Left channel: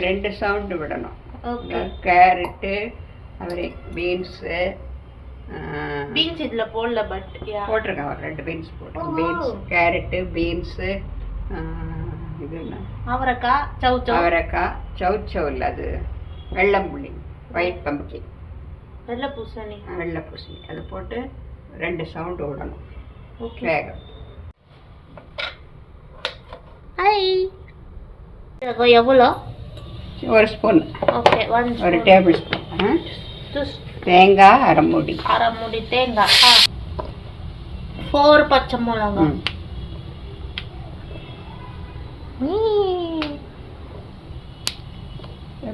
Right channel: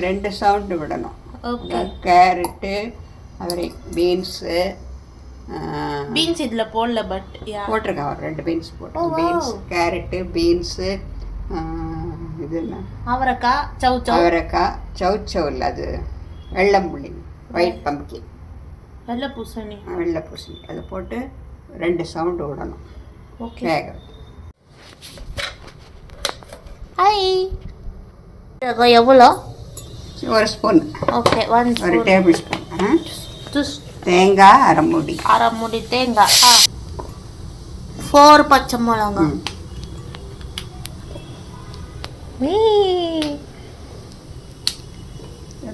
2 sound விடணும். Okay. Carrot, அவரை, beans. Beans இதில் போடல, பட் போட்டிருக்கேன். ஒரு 2 பீன்ஸ் போட்டு. பீன்ஸ், கேரட்டு, பீன்ஸு, இது என்ன, அவரைக்காய், சௌச்சௌ. அவரைக்காய், சௌச்சௌ இல்லை, அது வெள்ளம்புள்ளி, ஒயிட் பம்ப்கின், வெள்ளை பூசணி. வெள்ளை பூசணி. அதை போட்டு 2 சவுண்டு விடணும். ஓகே. வேகம். ஹாய். எவ்வளோ? 1 spoon. Okay. 1 table spoon. Juice. தேங்காய் அரை மூடி. அரை மூடி தேங்காய். 4 பச்சை மிளகா.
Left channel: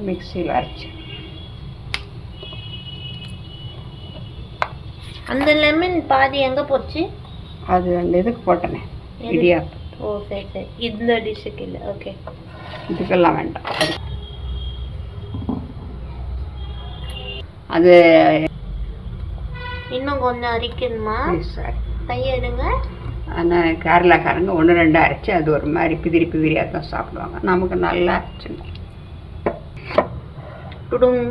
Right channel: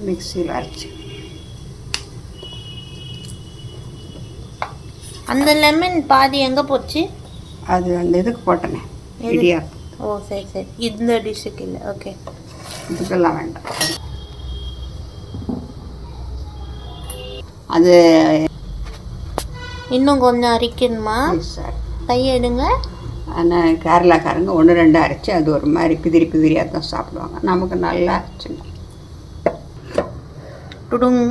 மிக்சியில் அரைச்சி. அந்த லெமன் பாதி எங்கே போச்சு? அது அந்த இதுக்கு போட்டனே, இடியா. ஓ சரி சரி. இந்த டிஷ்ஷுக்கு இல்லை. ஓகே. இதுக்கெல்லாம் வேண்டாம். அது இன்னும் கொஞ்சம் அரைக்கணுமா? சார் கையெடுங்க. ஆனால் கேரளாக்காரங்க 1-2 அரைச்சி அது ஒரு மாதிரி பிதிரியாக தான் சாப்பிடுவாங்க. நமக்கு நல்லா அரைச்சுங்க. டுடுங்.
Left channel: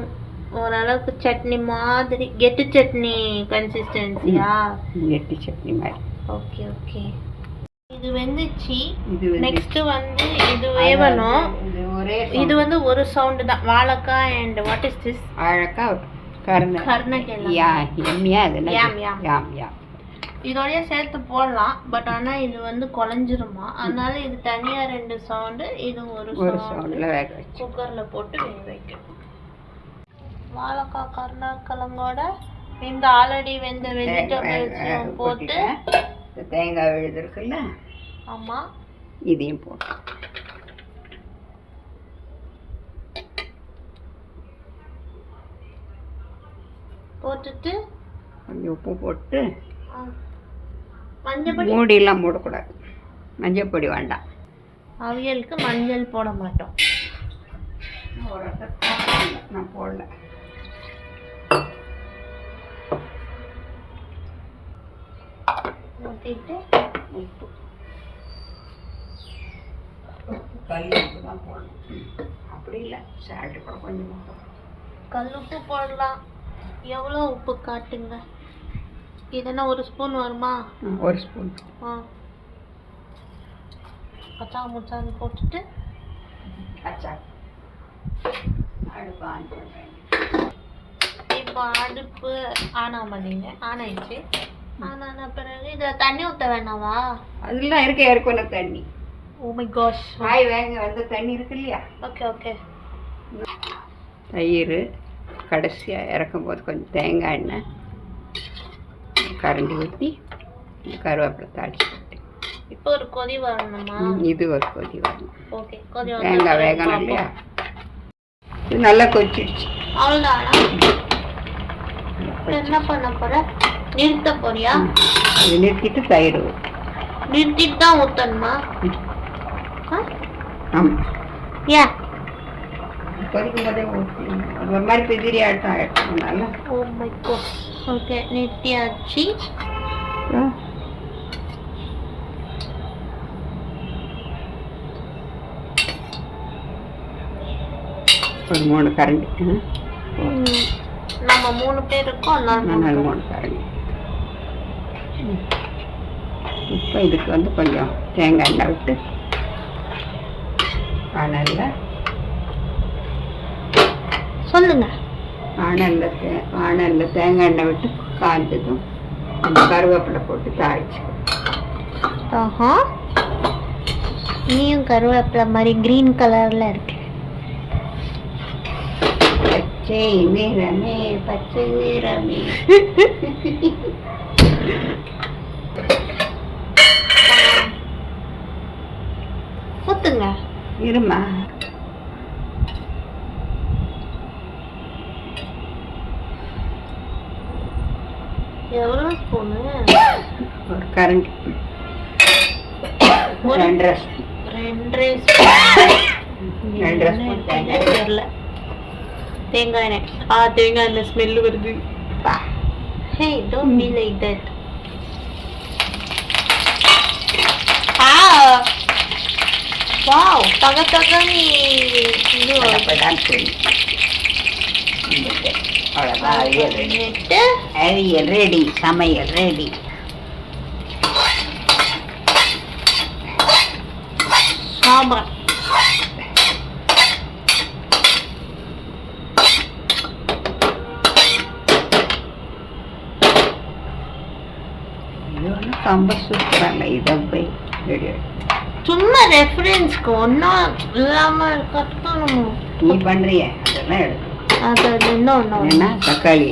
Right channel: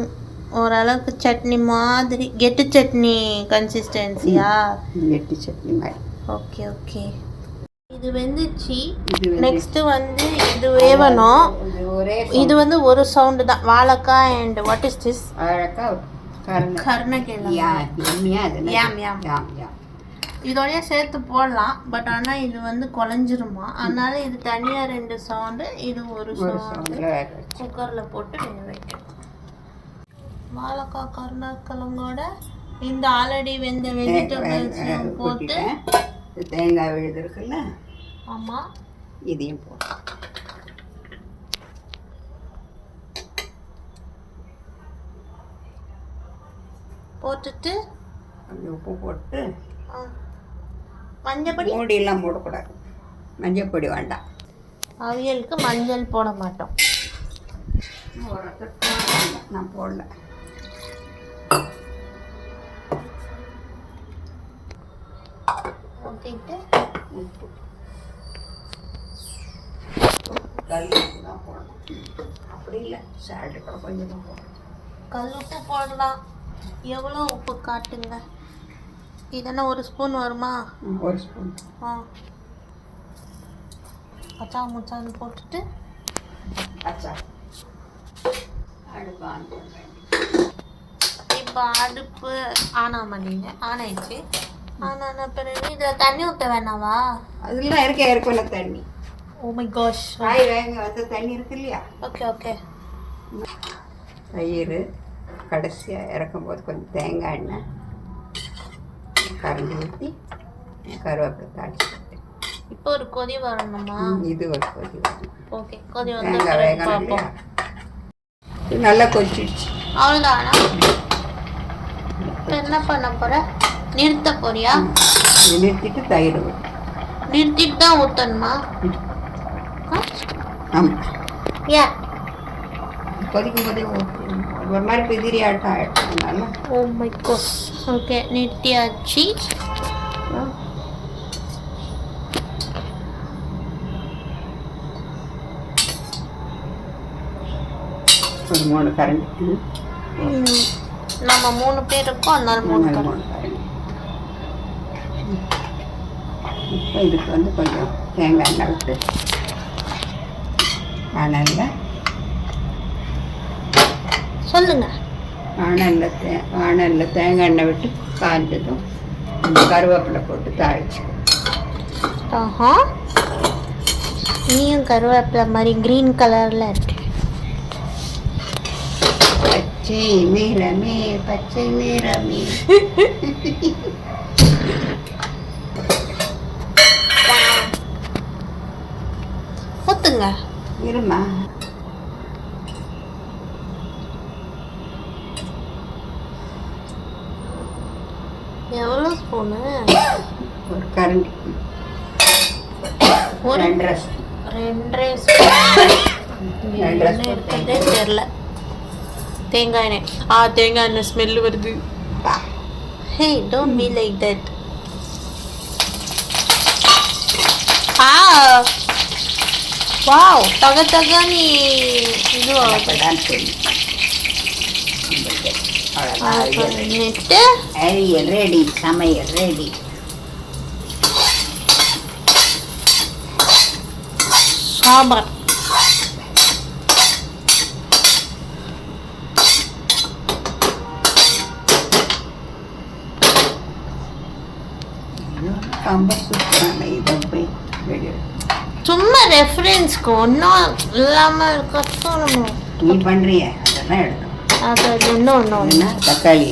ஓரளவுக்கு சட்னி மாதிரி, கெட்டு சட்னி கன்சிஸ்டன்சியா? கெட்டி சட்னி மாதிரி. Okay okay. இது வெந்துச்சு. நெக்ஸ்ட் வந்து இது வேவணும். இது வந்து ஒரு சவுண்டு தான். வாழைக்காய் அண்ட் வாட் இஸ் திஸ்? வாழைக்காய், கருணக்கிழங்கு. இதோடய சேர்த்து போடலாம், பட் ஆனால் இது வந்து குழஞ்சிருமா, அதனால இது தனியாக 2 சவுண்டு, இது ஒரு சவுண்டு குக்கரில் போட்டு வேக வைக்கணும். வாழைக்காய், கருணக்கிழங்கோட இந்த ஆல்ரெடி வெந்த வெஜிடபிள்ஸையும் போட்டு தேங்காய் விழுது இருக்குல்ல, ஆமாம், இதையும் போட்டு போட்டுட்டு கொஞ்சம் உப்பு போட்டு. மஞ்சள் மூடியெல்லாம் போடக்கூடாது. மஞ்சள் பொடி வேண்டாம். அவியலுக்கு மஞ்சள் போட மாட்டோம். நான் போடல. ஊற்றிட்டு உப்பு, கல் உப்பு தான் போடணும். அப்படி இல்லை, சால்ட்டு கூட கொஞ்சமாக போடணும். கல் உப்பு போடலாம். எவ்வளோ உப்பு காட்டுங்க. இதெல்லாம் 1 ஸ்பூன் வருமா? 1 ஸ்பூன். கச்சா முச்சான்னு போட்டுட்டு அடுப்பு ஆன் பண்ணுறேன். இப்போ அடுப்பு ஆன் ஆமாட்டீங்க. ஆன் ஆயிடுச்சு. ஆனா பிறகு இதில் தண்ணி ஊற்ற வேணாவா? அதெல்லாம் இருக்க ஏற்கனவே தண்ணி. Oh my gosh. காய் வேக வந்து தண்ணி இருக்கு இல்லையா? Okay okay. தயிர் கடைசியாக இறக்கும்போது கொஞ்சம் தேங்காய் எண்ணெய் கரண்டி ஊற்றி கருவேப்பிலை தாளிச்சு. இப்போ ஒரு கொதி வரணுமா? இது ஒரு கொதி வரணும். ஓகே. கொதி தேங்காய் வேகணும் இல்லையா? இது நல்லா கொதிச்சிடுச்சு. அவ்வளோதானா? என்ன பண்ண போகிற? நிறுத்த போறியா? நிறுத்திட்டு தயிர் நிறுத்திட்டு தான் ஊற்றணுமா? ஆமாம். ஏன்? கொதிக்கும் போதே ஒரு மாதிரி பிதிரி ஆட்டம் ஆகிடுச்சுனால. Oh my gosh. ஓகே, நிறுத்தியாச்சு. ஒரு 3 கரண்டி. நம்ம 3 பேர் இருக்கோம், அதனால 3 கரண்டி. இப்போ இதுக்கு வந்து கொஞ்சம் தேங்காய் எண்ணெய் விட்டு சொல்லுங்க. வானலில் தேங்காய் எண்ணெய் விட்டு காய்ஞ்சதும் அந்த கருவேப்பிலை போட்டு தாளிச்சு. ஆஹா, நீயும் கருவேப்பிலை மாதிரி க்ரீன் கலரில் இருக்கு. பச்சை நிறமே, பச்சை நிறமே. ஊத்துங்க. இருமா. எவ்வளோ ஸ்பூனு? ஒரு கரண்டி. 2.5 ஸ்பூன். 2.5 ஸ்பூன் தெரியல. தேங்காய் எண்ணெய். தேங்காய் எண்ணெய் ஸ்மெல் வருது. Hey, don't be like that. Wow தக தகனி இது அப்பதான் தெரியும். அவ்வளோதான், அவியல் ready. பண்ணிட்டு அவியல் ரெடி, சமையல் ரெடி. சாம்பார் சாம்பார் சூப்பராக இதை போய் ரெடி. சும்மா ரெஃபரன்ஸ்க்கு ஒன்றும் இல்லாமல் கஷ்டம் நம்ம நீ பண்ணுறிய அதெல்லாம் எடுக்கணும். அது இன்னும் ஏன்னா தக்காளி